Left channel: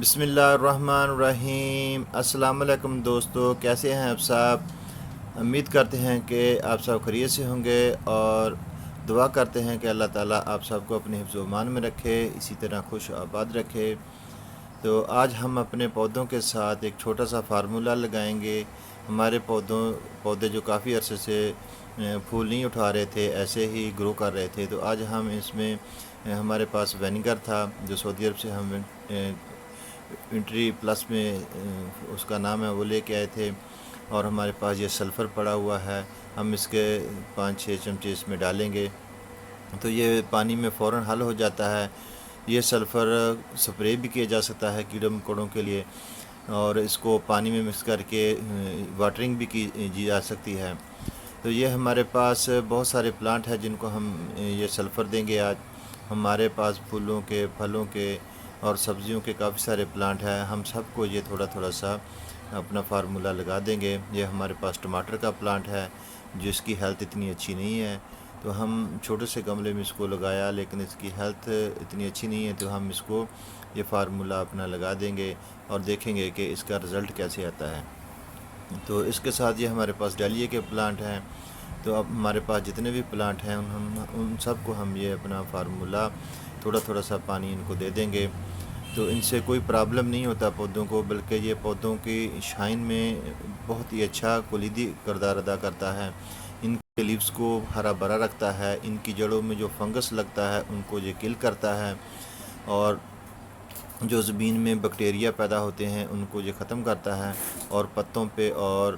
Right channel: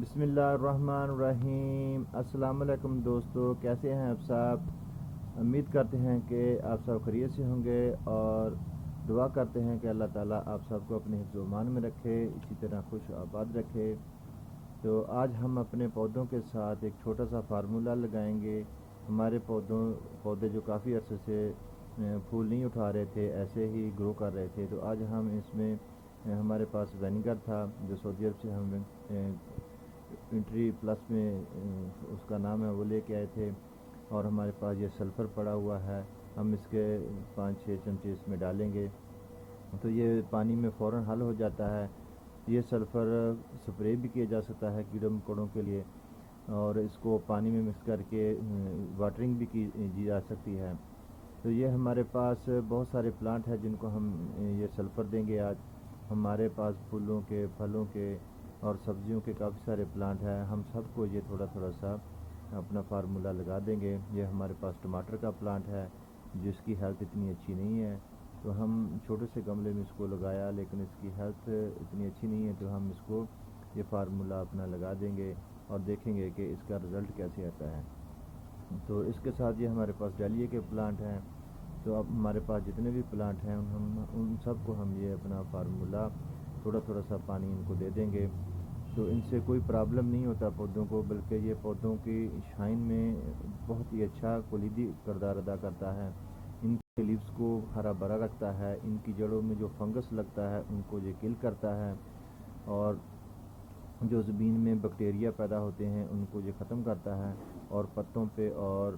بسم اللہ الرحمن الرحیم۔ السلام علیکم دوستو، کیسے ہیں آپ سب؟ امید کرتے ہیں کہ آپ سب خیریت سے ہوں گے اور دعا کرتے ہیں کہ اللہ تعالیٰ آپ سب کو اپنے حفظ و امان میں رکھے، اسی طرح خوش و آباد رکھے۔ تو آج ہم اپنے پودوں کے ساتھ ایک چھوٹا سا فارمولہ لگائیں گے۔ ہمارے پودے جو کافی عرصے سے پھول نہیں اٹھا رہے تھے، ایسے ہی گرو کر رہے تھے، تو آج ہم اس میں ہمارے پاس وینیگر تھا جو سعودی عرب سے ہم انٹری پلس میں اس کا نام ہے، وہ لے کے آئے تھے، اور ہمارے پاس یہ سلفر پڑا ہوا ہے۔ ہم اس کے 5-6 چمچے اس میں ڈالیں گے تو یہ پانی میں فوراً حل ہو جاتا ہے۔ یہ سلفر سپرے بھی کیا جا سکتا ہے کیڑے مکوڑوں کے لیے، اور اس کو پانی میں مکس کر کے واٹرنگ بھی کی جا سکتی ہے۔ تو یہ ہمارے پاس بہت سارے پلانٹ ہیں جن کو ہم یہ سلفر دیں گے آج۔ ہمارے پاس پھولوں کے، پھلوں کے اور سبزیوں کے کافی سارے پلانٹ ہیں، ہم سب کو یہ تھوڑا تھوڑا سا اپنا فارمولہ لگا دیں گے۔ یہ ہمارے پاس ٹماٹر کا پلانٹ ہے جس کی ہیلتھ اتنی اچھی نہیں ہے، تو ہم چھوٹے سے گملے میں اس کو لگایا، لیکن اس کی ہیلتھ اتنی اچھی نہیں ہے، تو ہم اس کو یہ فارمولہ اپنا لگا دیں گے اور دیکھیں گے کہ اس کا رزلٹ کیسے آتا ہے۔ تو اس کے ساتھ یہ ہمارے پاس ڈالیے کے پلانٹ ہیں۔ تو اب ہمارے پاس جتنے بھی پلانٹ ہیں ان سب کو ہم یہ اپنا فارمولہ تھوڑا تھوڑا سا پانی ان کو دے دیں گے، تو ان سے کوئی پرابلم نہیں ہوتا پودوں کو، بلکہ یہ پودوں کی شائن میں بہت ہی اچھا کلیدی کردار ادا کرتا ہے۔ ان کے لیوز کو ہرا بھرا رکھتا ہے، ان کی جڑوں میں جو فنگس لگتا ہے ان کو یہ کل کرتا ہے، اور جو زمین میں بیکٹیریا پیدا ہوتے ہیں ان کو یہ ختم کرتا ہے، اور پتوں پہ اور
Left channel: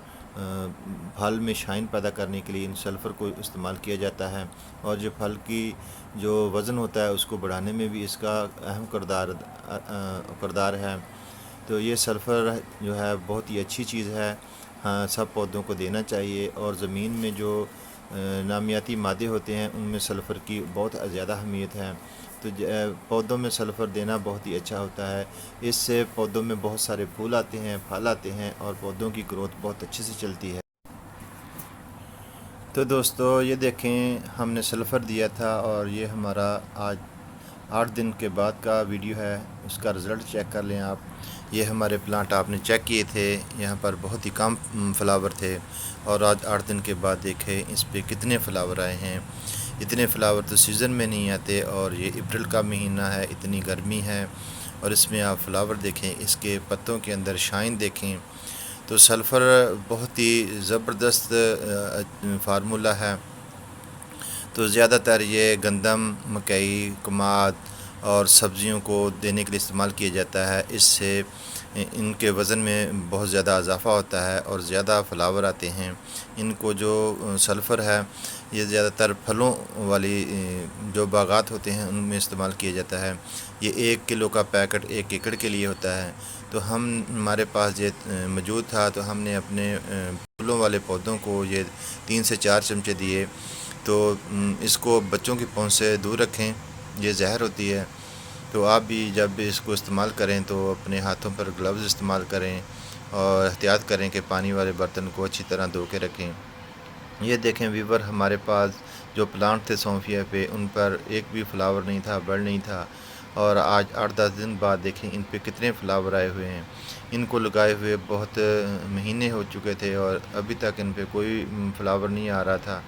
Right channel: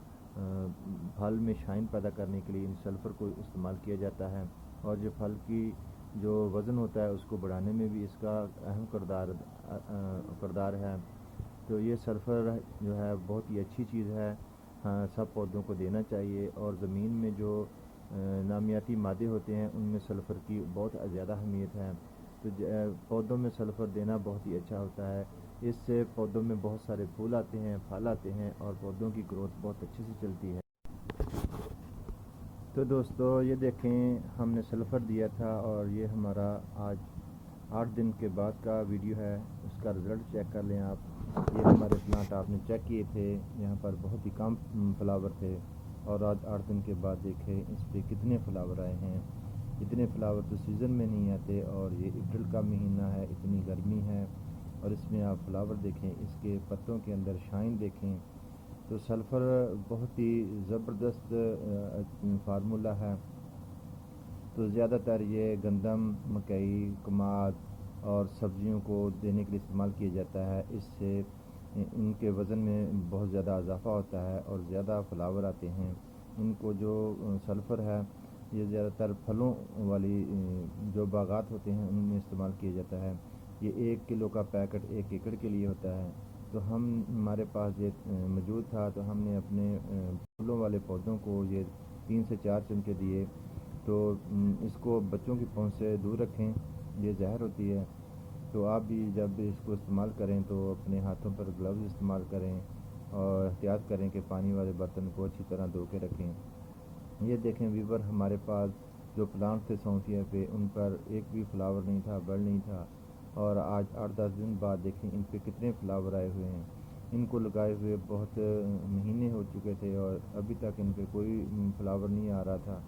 پھل میں شائن پیدا کرنے کے لیے ان سلفر کو استعمال کیا جاتا ہے، اور جو پھل کی جو وزن ہوتا ہے اس کو بڑھانے میں بھی اس کا اہم کردار ہے۔ تو یہ سلفر جو ہے بہت ہی اچھی چیز ہے، ہاں سب پودوں کو دینا چاہیے، اور زمین میں جو نامیاتی مادے ہوتے ہیں ان میں سلفر کی بہت زیادہ اہمیت ہے، تو پودوں میں سلفر دینا بہت ہی اچھا ہوتا ہے۔ اس سے پودوں میں بہت سارے پھول آتے ہیں، پھل آتے ہیں، اور پودوں کی گروتھ بہت اچھے سے چلتی ہے۔ تو دوستو یہ دیکھیں، ہم نے سلفر دیا تھا اور یہ ہمارا آج 8 دن کے بعد کا ویڈیو ہے، اس کا رزلٹ چیک کر لیں آپ۔ یہ ہمارے پلانٹ آپ نے چیک کیے تھے، یہاں پر بہت ہی کم فلاور تھے، اور آج 8 دن کے بعد دیکھیں اس پہ کتنے فلاور آئے ہیں۔ اتنے فلاور تو سیزن میں نہیں آتے، اور یہ اپریل کا مہینہ ہے، اتنی گرمی ہے، اور اس میں آپ فلاور دیکھیں، اس کے پتوں کے اندر شائن دیکھیں۔ تو سلفر بہت ہی زبردست فارمولہ ہے۔ تو زیادہ تر یہ گندم، مکئی، کماد اور سبزیوں کو دینے کے لیے استعمال کیا جاتا ہے۔ اس سے ان کے وزن میں بہت زیادہ اضافہ ہوتا ہے اور زیادہ فلاور آتے ہیں۔ ان کو جو سلفر ہے یہ زیادہ تر پھلوں والی جو باغات ہوتے ہیں ان میں استعمال کیا جاتا ہے۔ یہ 1 کلو کا پیکٹ 1 ایکڑ کے لیے ہوتا ہے۔ تو ہمارے پاس یہ موجود تھا، تو ہم نے اپنے پھولوں والے پودوں کو یہ 3 سے 4 چمچے دیے۔ تو اس کو بچوں کی پہنچ سے دور رکھیں، یہ زہر ہوتی ہے۔ تو آپ بھی جب بھی اس کو استعمال کریں تو اپنے ہاتھوں پر گلوز استعمال کریں، اور احتیاط کریں کہ پانی والے برتن کو اچھی طرح دھو کے رکھیں۔ یہ دیکھیں ویور، ہمارے پاس جو پلانٹ تھے سونفیا پہ، ان پر ایک بھی فلاور نہیں تھا، بڑ نہیں تھا، اور آج 8-10 دن بعد دیکھیں ان پہ کتنے فلاور آئے ہوئے ہیں۔ ان کو لگائے ہوئے بہت مہینے ہو چکے تھے اور ابھی تک ان پہ کوئی فلاور نہیں آ رہا تھا۔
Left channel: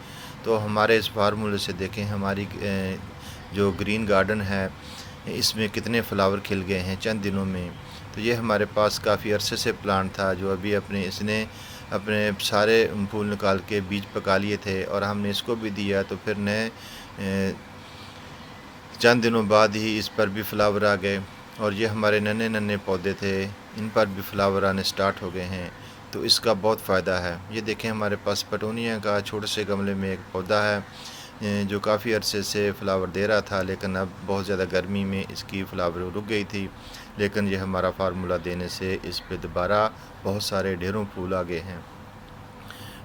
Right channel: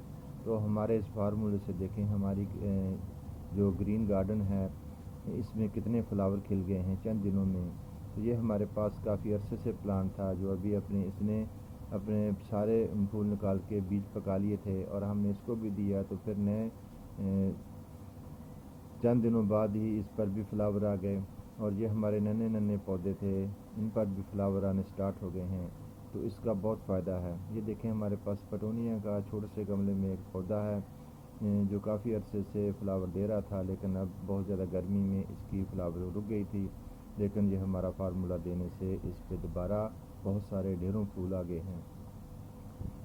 تو ہمارے اس فارمولے سے دیکھیں ہماری جو گرین گارڈن ہے اس میں کتنے فلاور کھل گئے ہیں چند دنوں میں۔ تو یہ ہمارے پاس کافی عرصے سے پلانٹ تھا جو ابھی اس نے اپنے سارے پھول نکال کے بیج پکا لیے تھے، اور ہم نے اس کو بھی دیا، تو پھر نئے چند دنوں بعد ہی اس پر بھی فلاور آ گئے، اور یہ ہمارے ننے ننے پودے تھے، ان پر بھی فلاور آنے سٹارٹ ہو گئے ہیں۔ تو اس کا بہت فائدہ ہے۔ یہ دیکھیں ہمارے پاس پٹونیا کا چھوٹے سے گملے میں ایک پودا ہے جو کافی عرصے سے فلاور دے رہا تھا، لیکن اب بہت زیادہ گرمی میں اس کی فلاور رک گئی تھی، لیکن یہ ہمارا فارمولہ دینے سے اس پہ دوبارہ بہت سارے ڈھیروں پھول آ گئے ہیں۔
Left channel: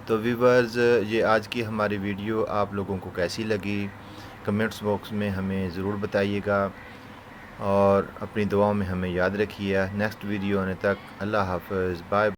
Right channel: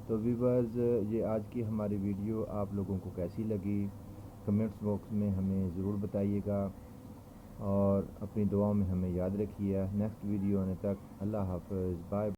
تو ویورز، یہ آج کی ہماری ویڈیو آپ لوگوں کو کیسی لگی کمنٹس باکس میں ہمیں ضرور بتائیے گا، اور اپنی دعاؤں میں ہمیں یاد رکھیے۔ نیکسٹ ویڈیو آنے تک اللہ حافظ، بائے۔